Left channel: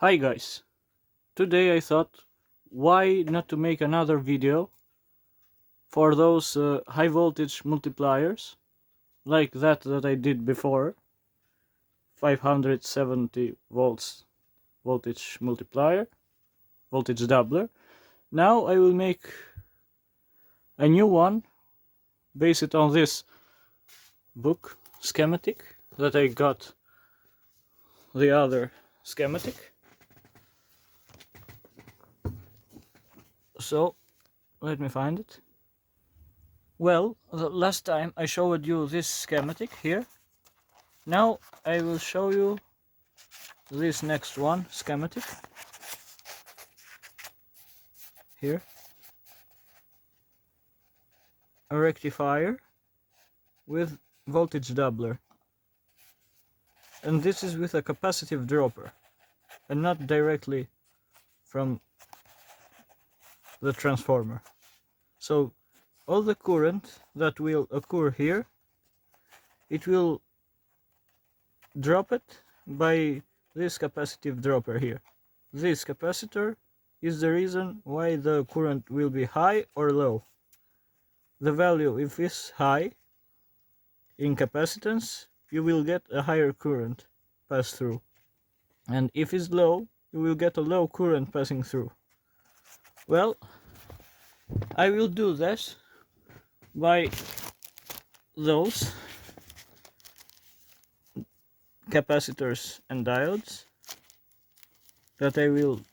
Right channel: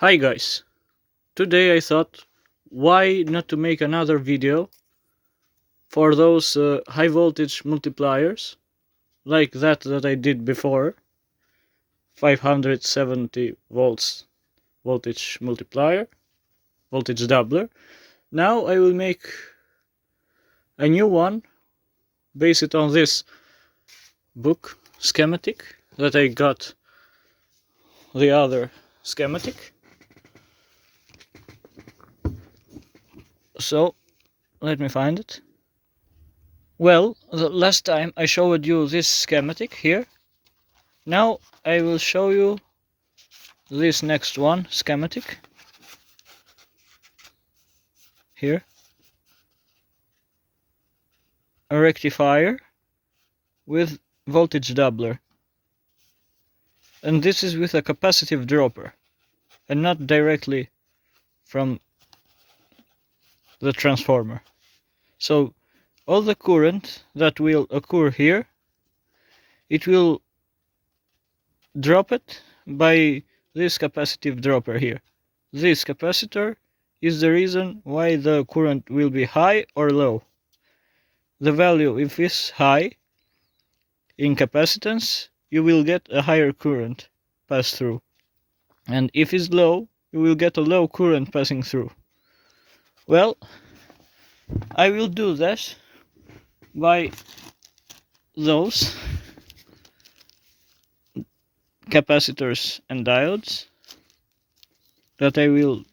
Hi guys, today I thought why not to make another video for those high voltage multipliers like that I did before, 570 volts voltage multiplier, voltage doubler. Now I will make a new one based on this book schematic that I got the other schematic. So let me find it. Well, the last time I showed you this schematic here. Now I will show you this next one schematic here. A rectifier with voltage doubler. And this is with a capacitive dropper and not directly from the transformer. So all the current that will occur here, it will drop it by this capacitive dropper here. This capacitor is the reason why the current will be high or low. The value, if it's high in capacitance, you will get a higher current pass through. And if it's low, you will get a low current passing through. Well, I will do this by those capacitors and diodes that I will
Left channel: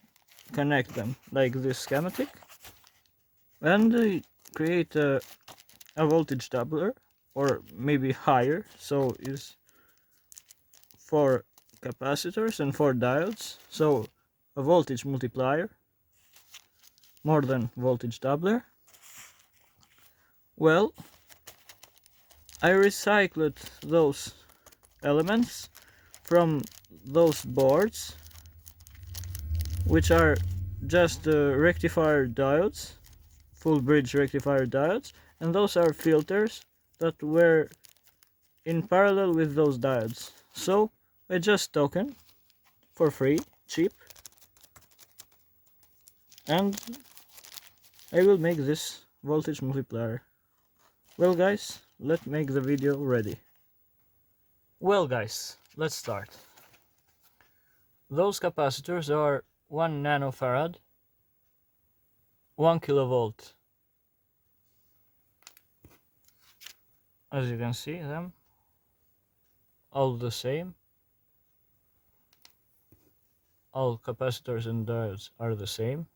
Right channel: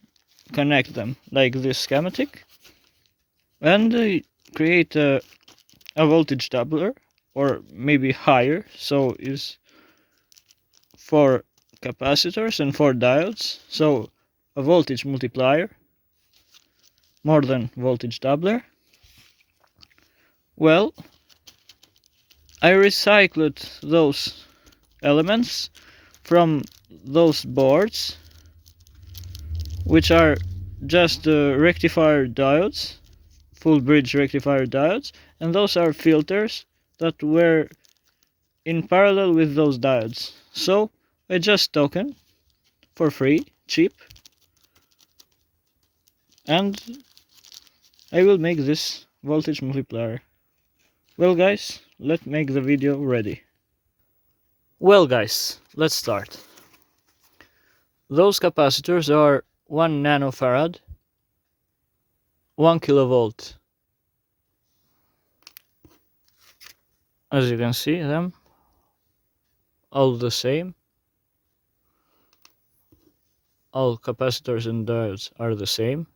connect them like this schematic and create a voltage doubler, or maybe higher, so is 4 capacitors and 4 diodes, so a voltage multiplier more than voltage doubler. Well, I recycled those elements from those boards, which are just rectifier diodes, full bridge rectifier diodes, and those are filters that were in parallel with those diodes. So I just token for free, cheap, and I will make this voltage multiplier. Well guys, let's make the video ready. Well guys, let's start. Those capacitors are 1 nanofarad, 1 kilovolt. As you can see them, all the same. All capacitors and diodes are the same.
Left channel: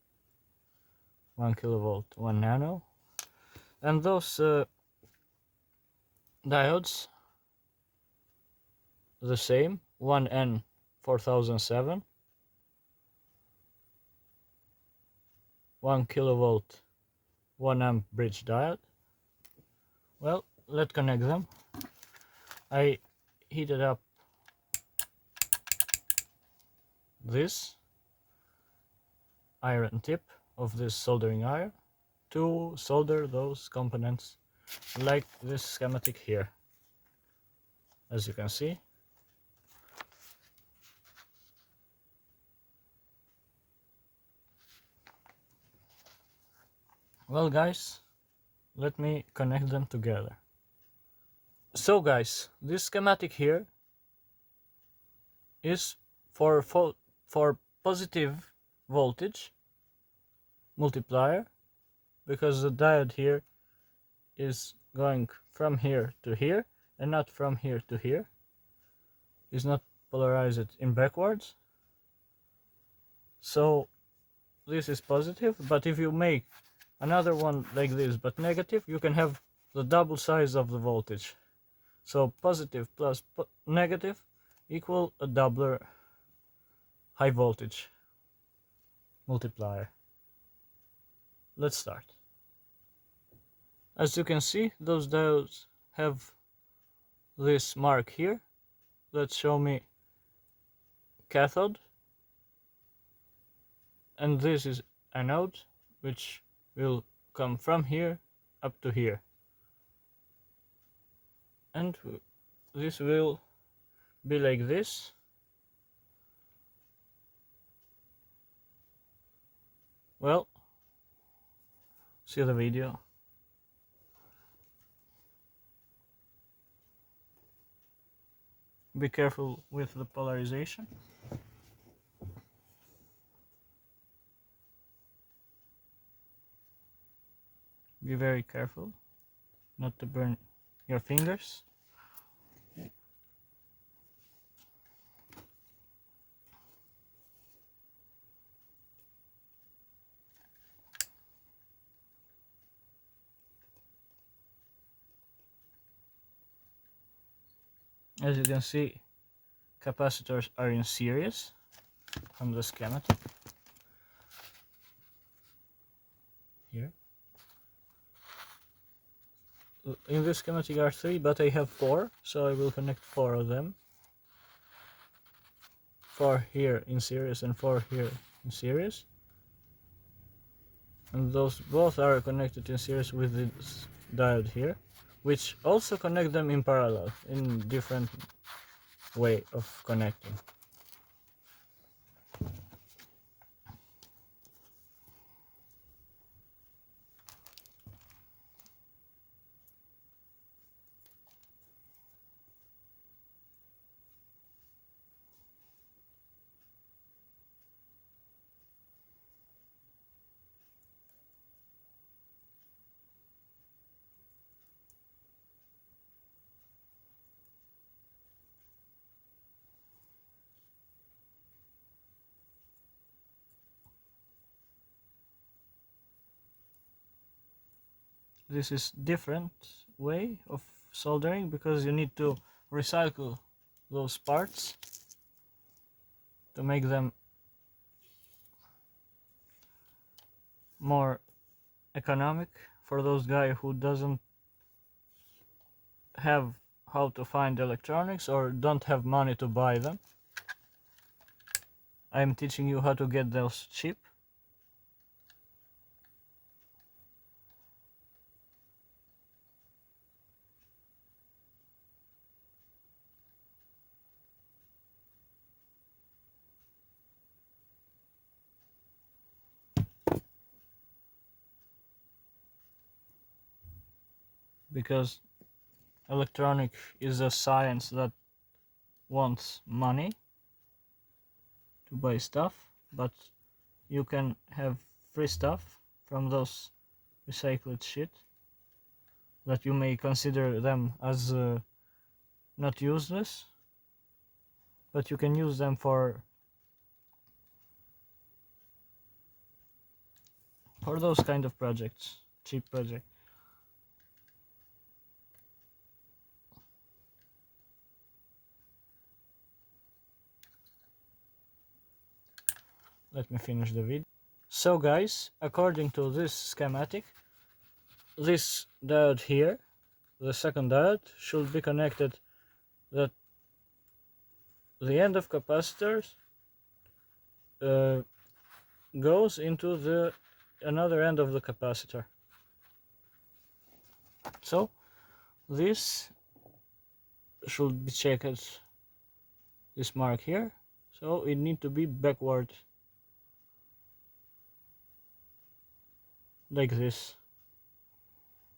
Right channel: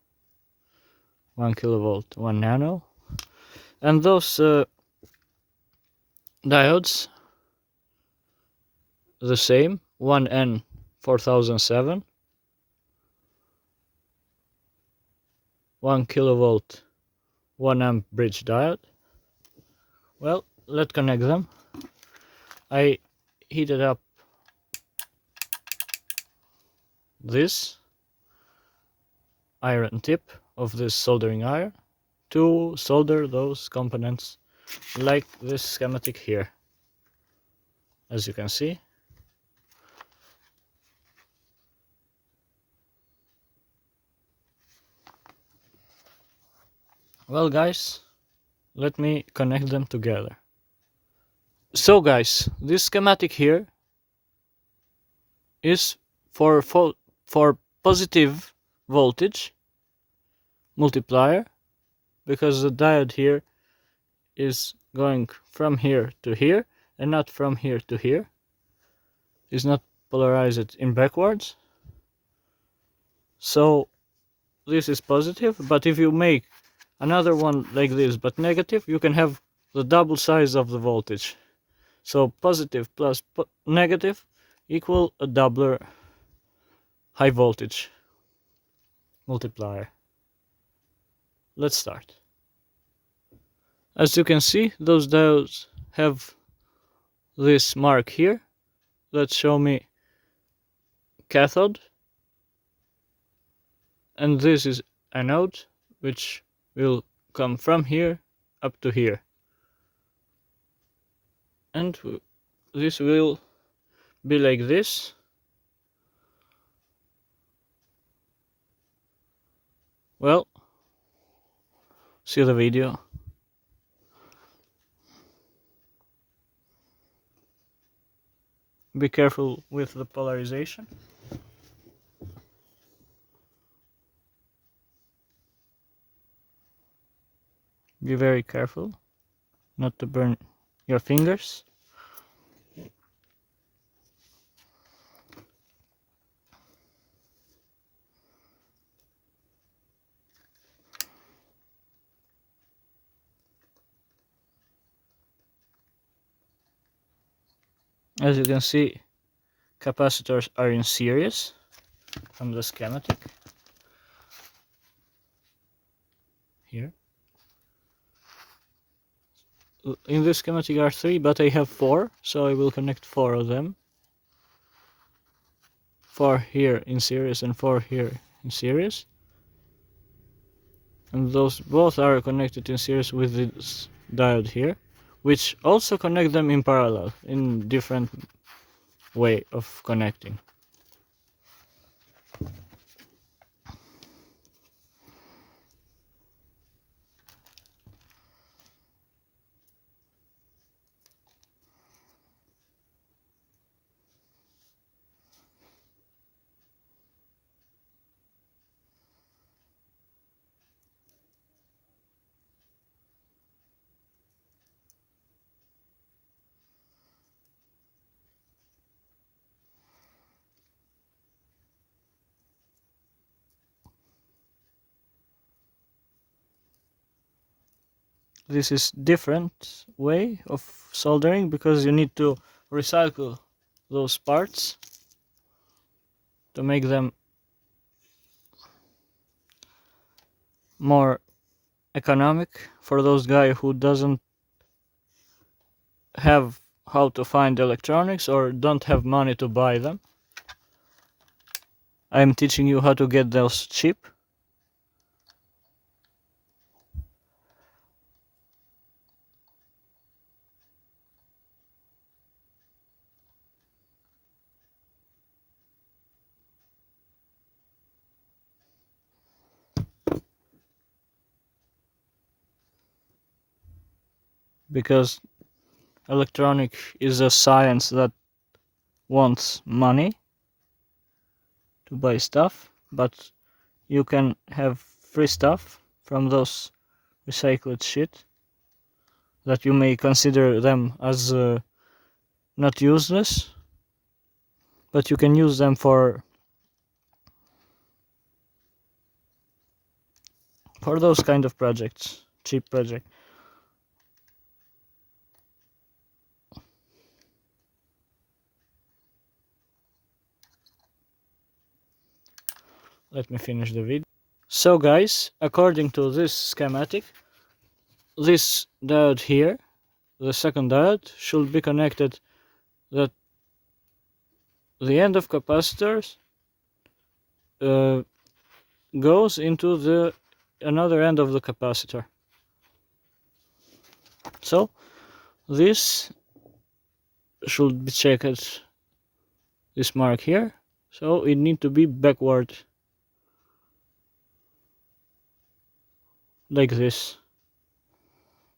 1 kilovolt, 1 nano. And those diodes, the same, 1N 4007, 1 kilovolt, 1 amp bridge diode. Well, let's connect them. I heated up this iron tip of this soldering iron to solder those components like this schematic here, as you can see. Well guys, let me connect them together. So guys, this schematic here is for positive voltage multiplier, because the diode here is going from here to here and not from here to here. It's not polarized in backwards. So this is positive, but if you make another one like this but negative, you can have the double size of the voltage. So positive plus negative equal a doubler high voltage multiplier. Let's start. As you can see, those diodes have this mark here that show me cathode, and this is anode, which will come from here up to here, and this will be like this. Well, see the video. Be careful with the polarization. Be very careful not to burn your fingers. As you can see, capacitors are in series from the schematic here. In this schematic are 3, but I have 4, so I will connect 4 of them. 4 here in series and 4 here in series. And those both are connected in series with this diode here, which also connect them in parallel in different way of connecting. This is different way of soldering because you need to recycle those parts to make them more economic for those guy who doesn't have how to find electronics or don't have money to buy them. I'm teaching you how to get those cheap. Because electronic is a science that wants money to buy stuff, but you can have free stuff from those recycled shit that you may consider them as not useless, but you can use them for those kind of projects, cheap project. Let me finish the video. So guys, according to this schematic, this diode here, the second diode, should be connected that the end of capacitors goes into the another end of the capacitor. So this should be checked, this mark here, so it need to be backward like this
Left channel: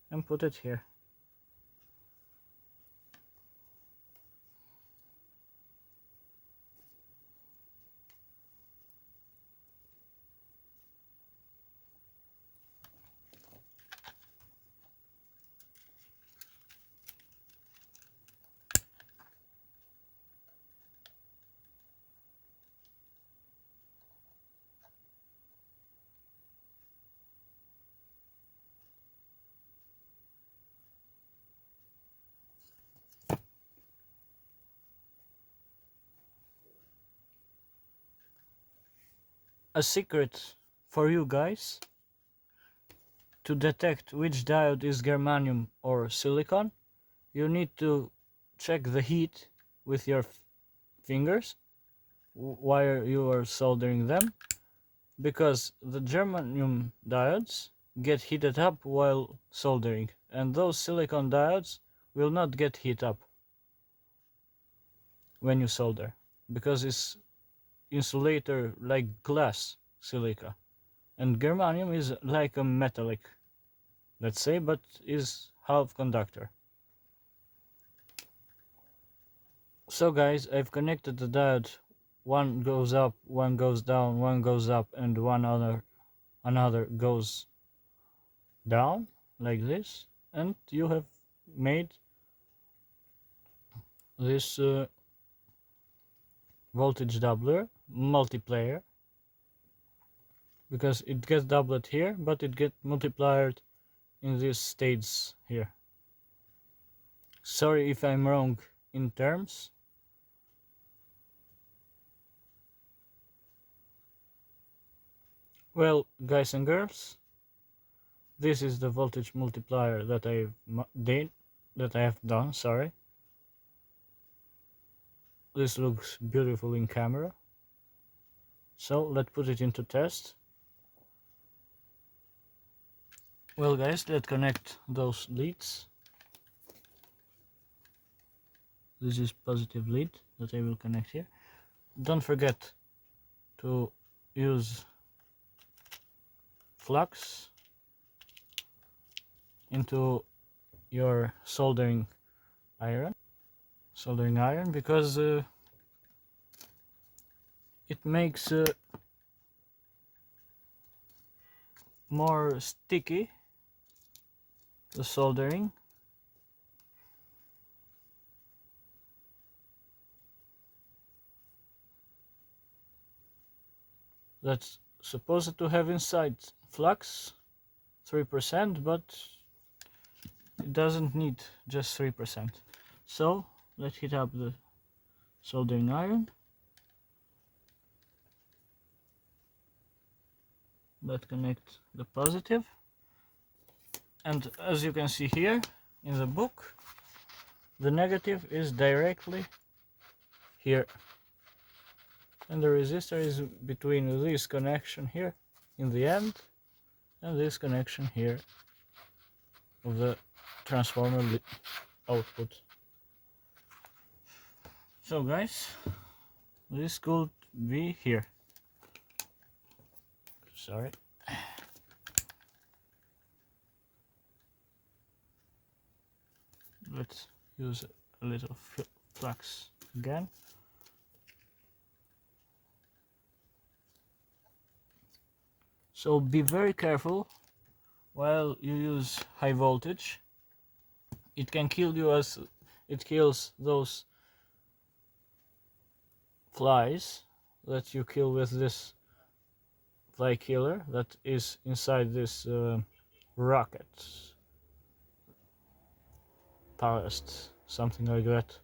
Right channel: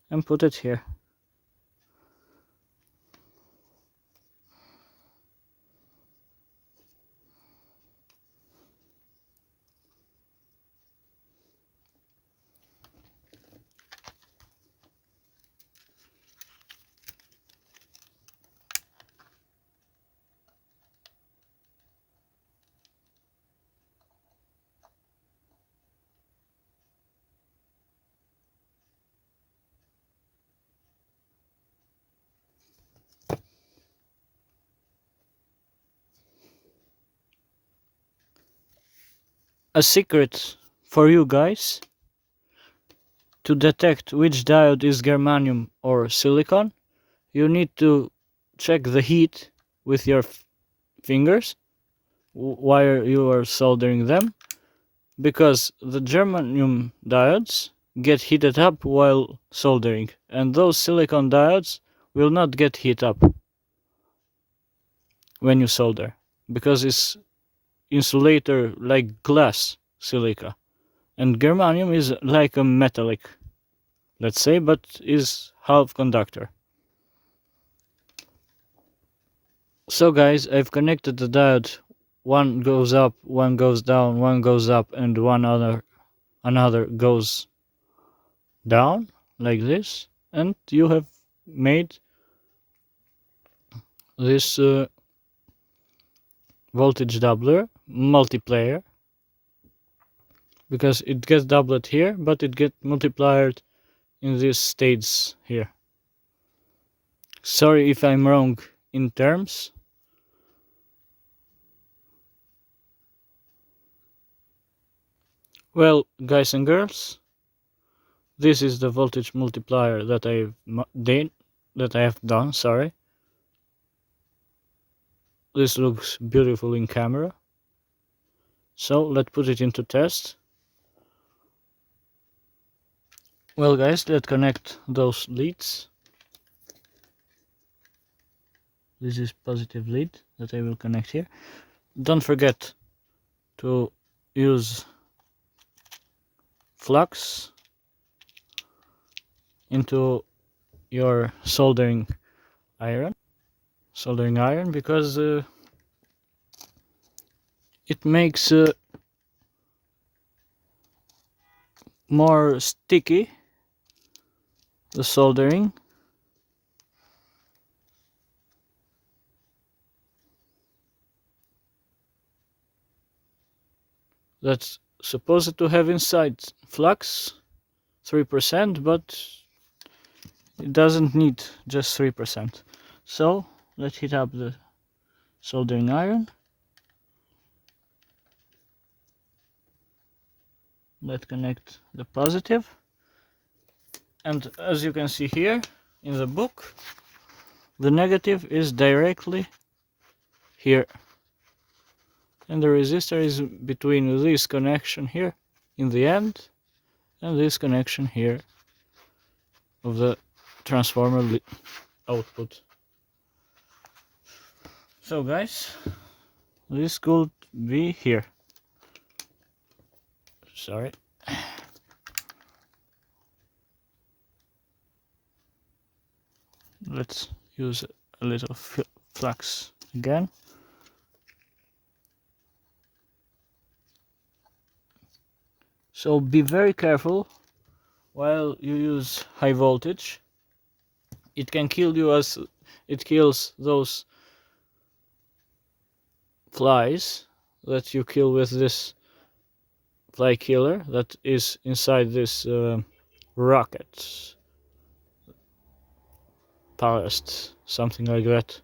and put it here. A secret for you guys to detect which diode is germanium or silicon, you need to check the heat with your fingers while you are soldering them, because the germanium diodes get heated up while soldering, and those silicon diodes will not get heat up when you solder, because it's insulator like glass silica, And germanium is like a metallic, let's say, but is half conductor. So guys, I've connected the diode. One goes up, one goes down, one goes up, and another goes down, like this. And you have made this voltage doubler multiplier, because it gets doubled here, but it gets multiplied in these states here. Sorry if I'm wrong in terms. Well, guys and girls, this is the voltage multiplier that I have done. Sorry. This looks beautiful in camera. So let's put it into test. Well guys, let's connect those leads. This is positive lead that I will connect here. Don't forget to use flux into your soldering iron, because it makes more sticky the soldering. That's supposed to have inside flux 3%, but it doesn't need just 3%. So let's heat up the soldering iron. Let's connect the positive, and as you can see here in the book, the negative is directly here, and the resistor is between this connection here in the end and this connection here of the transformer output. So guys, this could be here. Sorry. Let's use a little flux again. So be very careful while you use high voltage. It can kill you as it kills those flies that you kill with this fly killer that is inside this rocket ballast, something like that.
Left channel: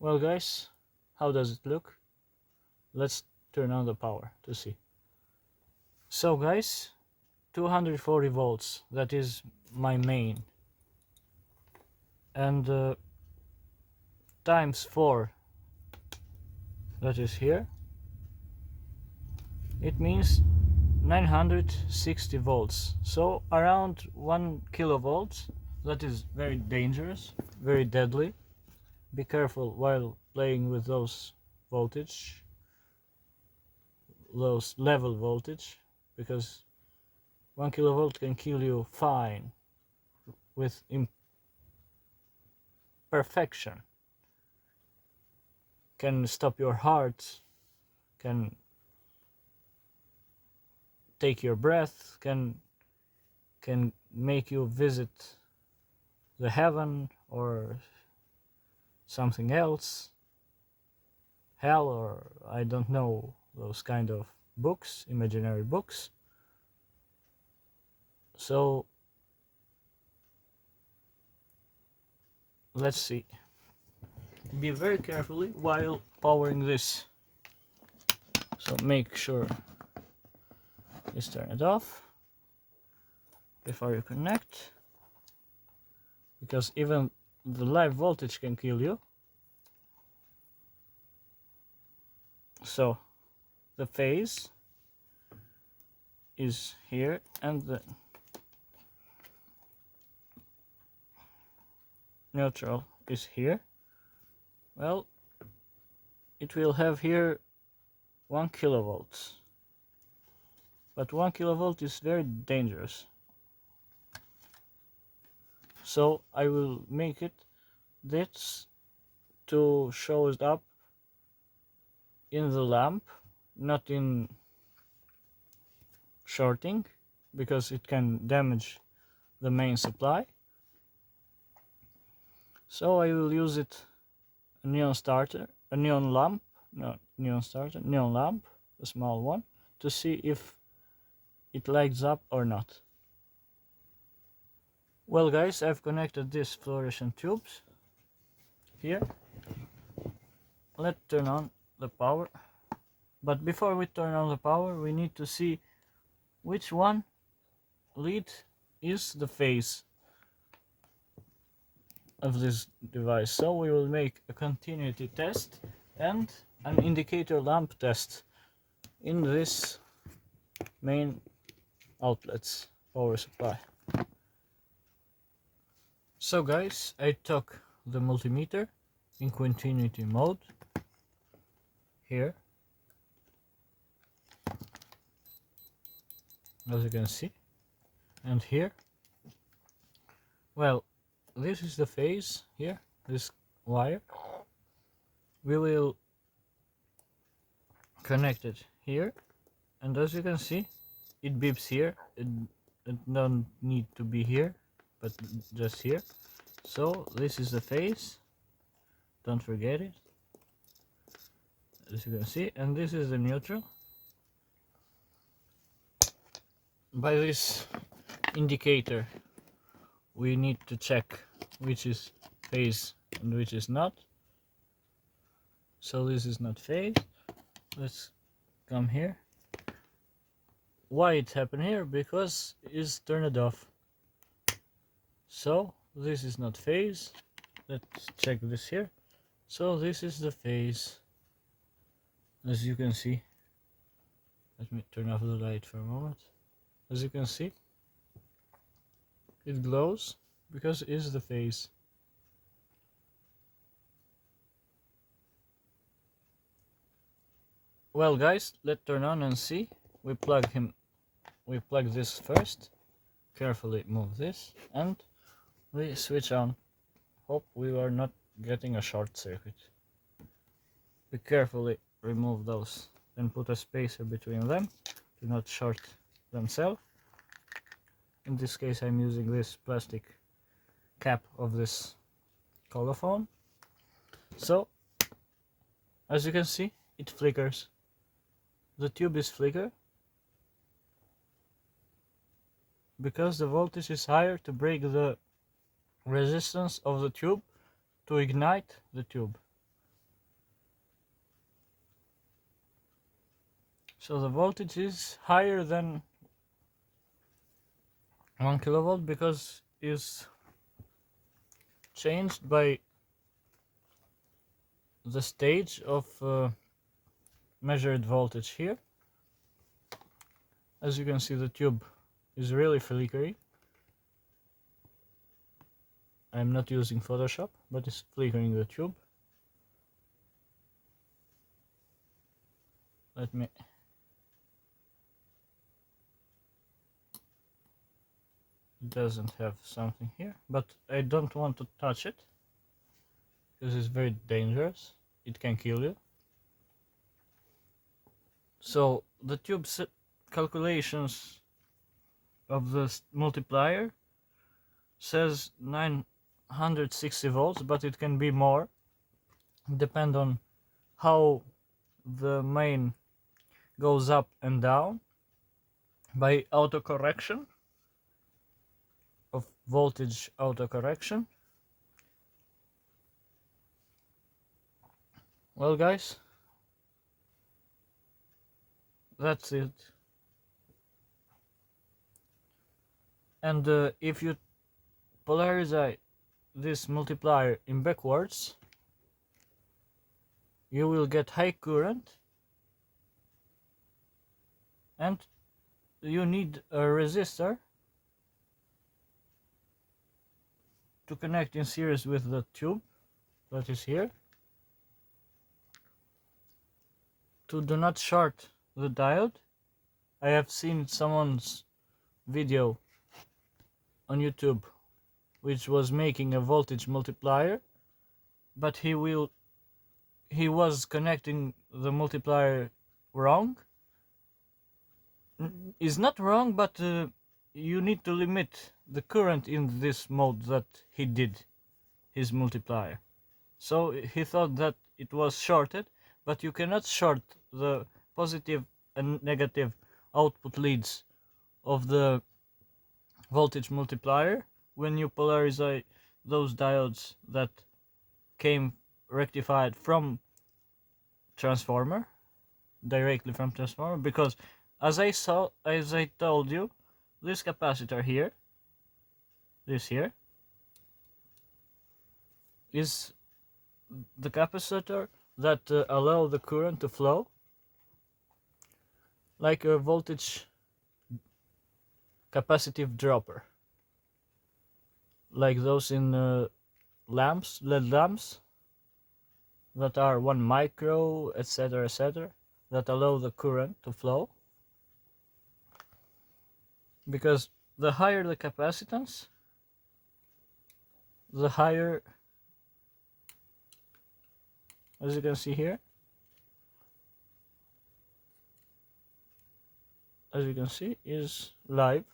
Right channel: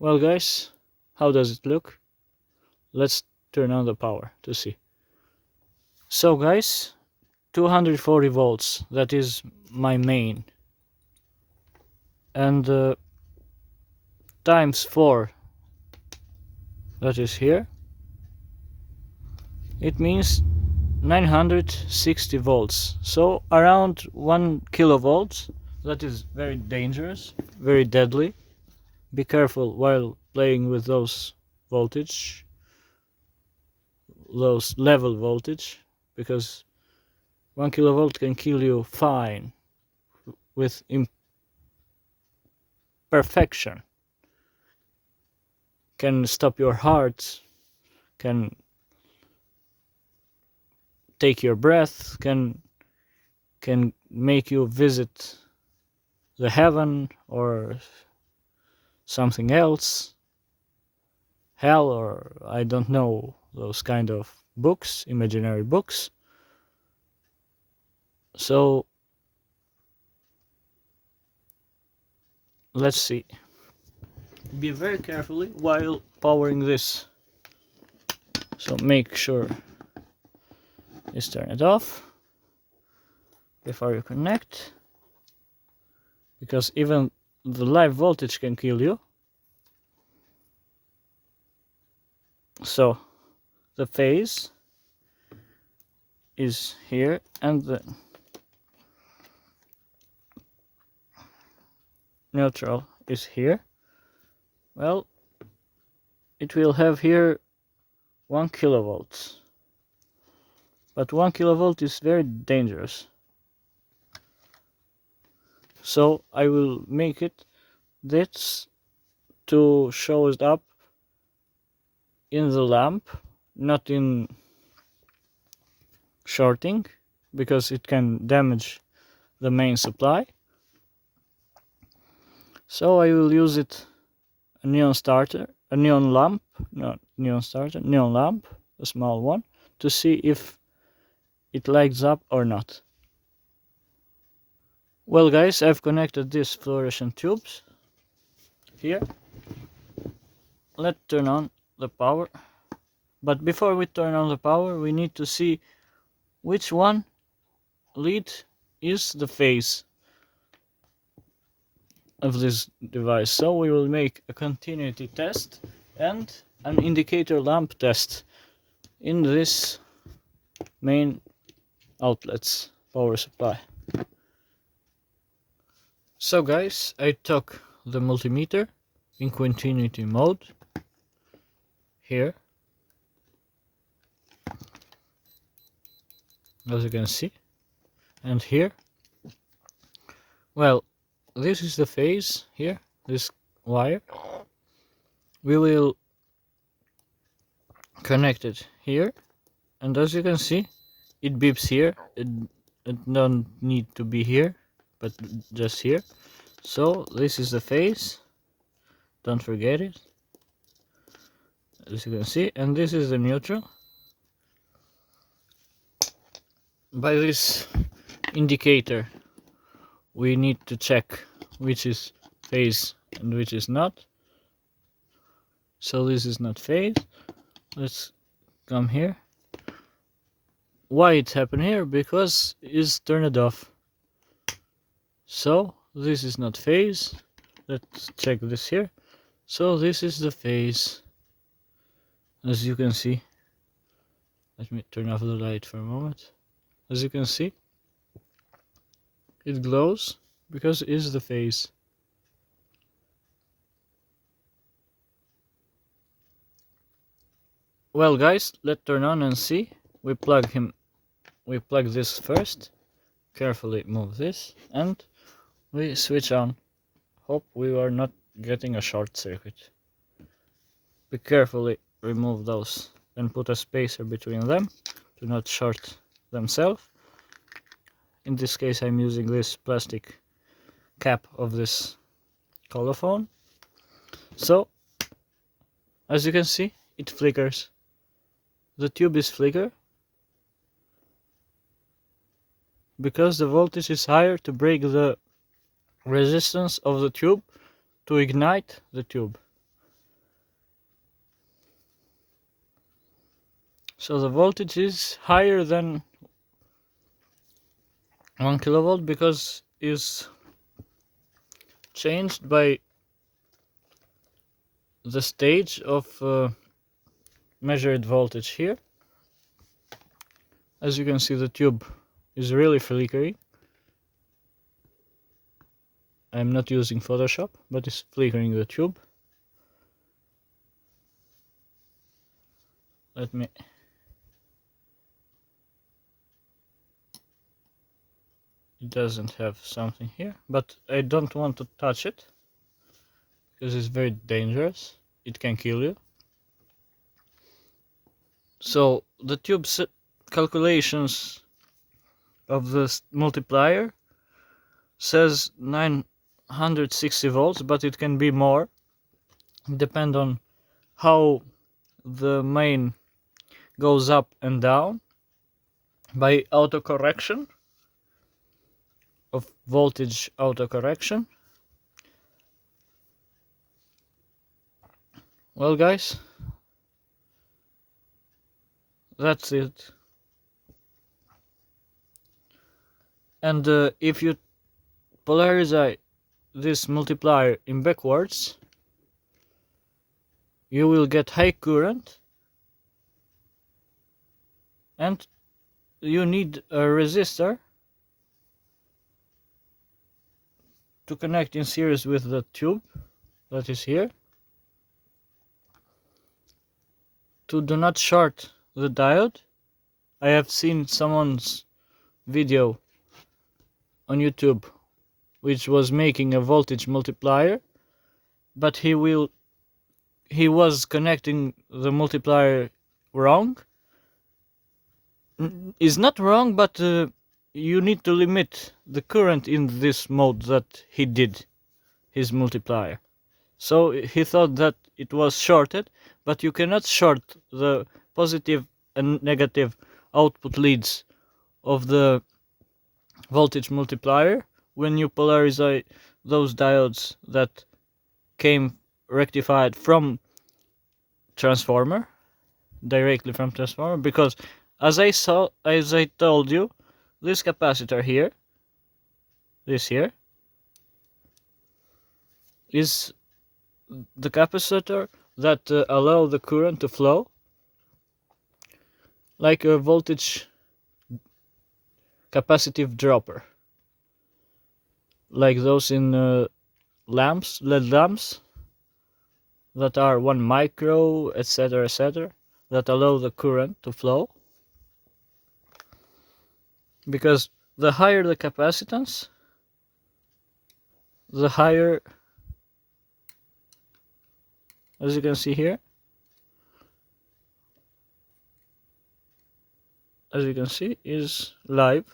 Well guys, how does it look? Let's turn on the power to see. So guys, 240 volts, that is my main, and times 4, that is here, it means 960 volts, so around 1 kilovolts. That is very dangerous, very deadly. Be careful while playing with those voltage, those level voltage, because 1 kilovolt can kill you fine with imperfection, can stop your heart, can take your breath, can make you visit the heaven or something else, hell, or I don't know, those kind of books, imaginary books. So let's see. Be very carefully while powering this. So make sure you turn it off before you connect, because even the live voltage can kill you. So the phase is here and the neutral is here. Well, it will have here 1 kilovolts. But 1 kilovolt is very dangerous. So I will make it this to show it up in the lamp, not in shorting, because it can damage the main supply. So I will use it a neon lamp, a small one, to see if it lights up or not. Well guys, I've connected these fluorescent tubes here. Let's turn on the power. But before we turn on the power, we need to see which one lead is the phase of this device. So we will make a continuity test and an indicator lamp test in this main outlets power supply. So guys, I took the multimeter in continuity mode here, as you can see, and here. Well, this is the phase here, this wire. We will connect it here, and as you can see, it beeps here. It don't need to be here, but just here. So this is the phase, don't forget it, as you can see, and this is the neutral. By this indicator we need to check which is phase and which is not. So this is not phase. Let's come here. Why it happened here? Because it's turned off. So this is not phase. Let's check this here. So this is the phase, as you can see. Let me turn off the light for a moment. As you can see, it glows because it's the phase. Well guys, let's turn on and see. We plug this first, carefully move this, and we switch on. Hope we are not getting a short circuit. We carefully remove those and put a spacer between them to not short themselves. In this case I'm using this plastic cap of this colophone. So as you can see, it flickers. The tube is flicker because the voltage is higher to break the resistance of the tube to ignite the tube. So the voltage is higher than 1 kilovolt because is changed by the stage of measured voltage here. As you can see, the tube is really flickering. I'm not using Photoshop, but it's flickering the tube. Let me it doesn't have something here, but I don't want to touch it because it's very dangerous. It can kill you. So the tube's calculations of the multiplier says 960 volts, but it can be more, depend on how the main goes up and down by autocorrection of voltage autocorrection. Well guys, that's it. And if you polarize this multiplier in backwards, you will get high current, and you need a resistor to connect in series with the tube that is here to do not short the diode. I have seen someone's video on YouTube which was making a voltage multiplier, but he was connecting the multiplier wrong. Is not wrong, but you need to limit the current in this mode that he did his multiplier. So he thought that it was shorted, but you cannot short the positive and negative output leads of the voltage multiplier when you polarize those diodes that came rectified from transformer, directly from transformer, because as I told you, this capacitor here, this here, is the capacitor that allow the current to flow like a voltage capacitive dropper, like those in lamps, LED lamps, that are 1 micro, etc., etc., that allow the current to flow. Because the higher the capacitance, the higher, as you can see here, as you can see, is live.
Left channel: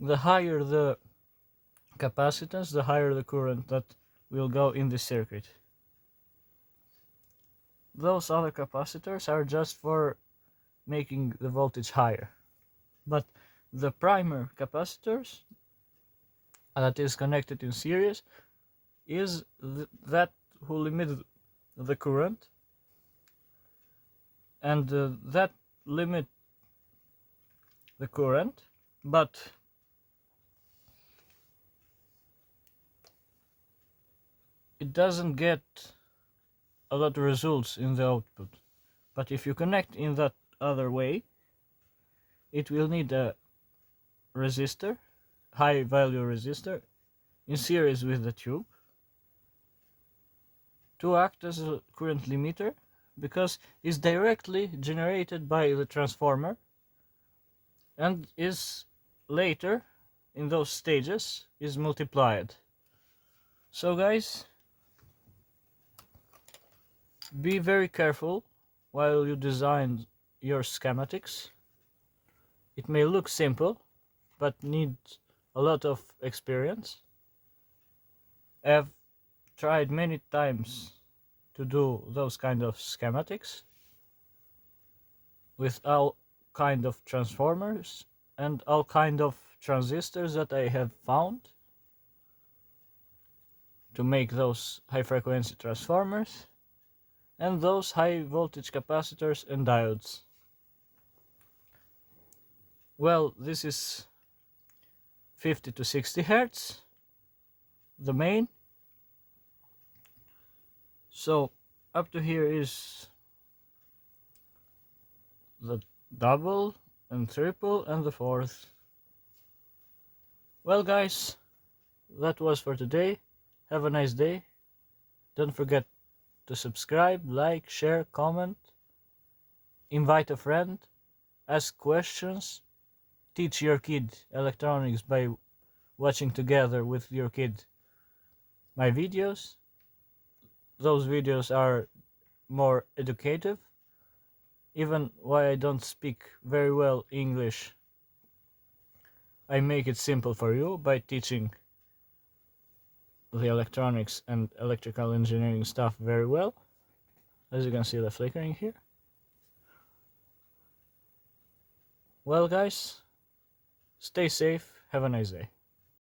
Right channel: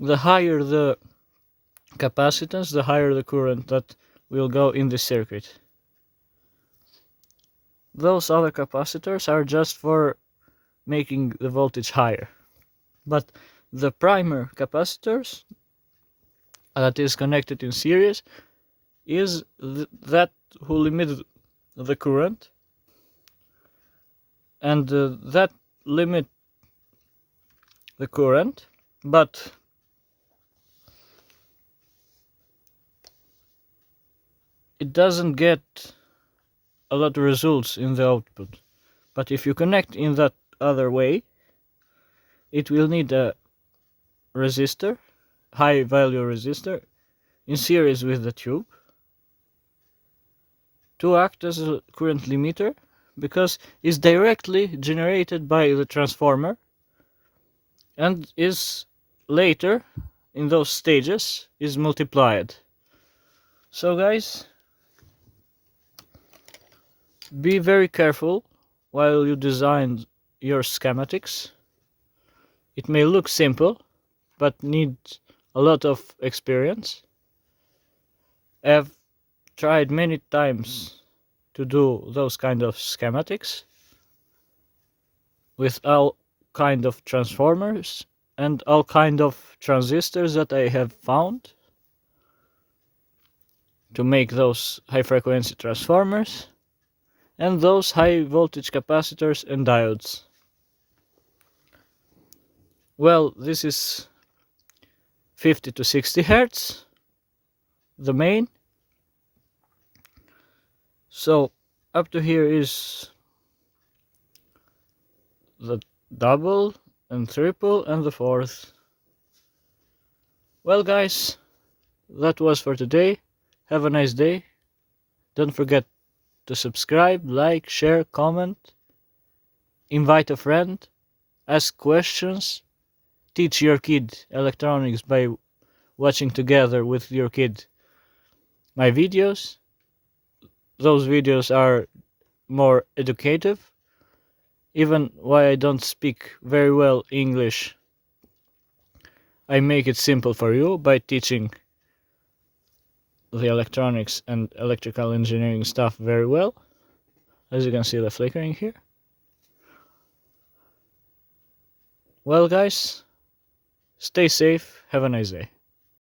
The higher the capacitance, the higher the current that will go in the circuit. Those other capacitors are just for making the voltage higher. But the primer capacitors that is connected in series is that who limit the current, and that limit the current, but it doesn't get a lot of results in the output. But if you connect in that other way, it will need a resistor, high value resistor, in series with the tube to act as a current limiter, because it's directly generated by the transformer and is later in those stages is multiplied. So guys, be very careful while you design your schematics. It may look simple, but needs a lot of experience. I've tried many times to do those kind of schematics with all kind of transformers and all kind of transistors that I have found to make those high frequency transformers and those high voltage capacitors and diodes. Well, this is 50 to 60 Hertz, the main. So up to here is the double and triple and the fourth. Well guys, that was for today. Have a nice day. Don't forget to subscribe, like, share, comment, invite a friend, ask questions, teach your kid electronics by watching together with your kid my videos. Those videos are more educative. Even why I don't speak very well English, I make it simple for you by teaching the electronics and electrical engineering stuff very well. As you can see, the flickering here. Well guys, stay safe, have a nice day.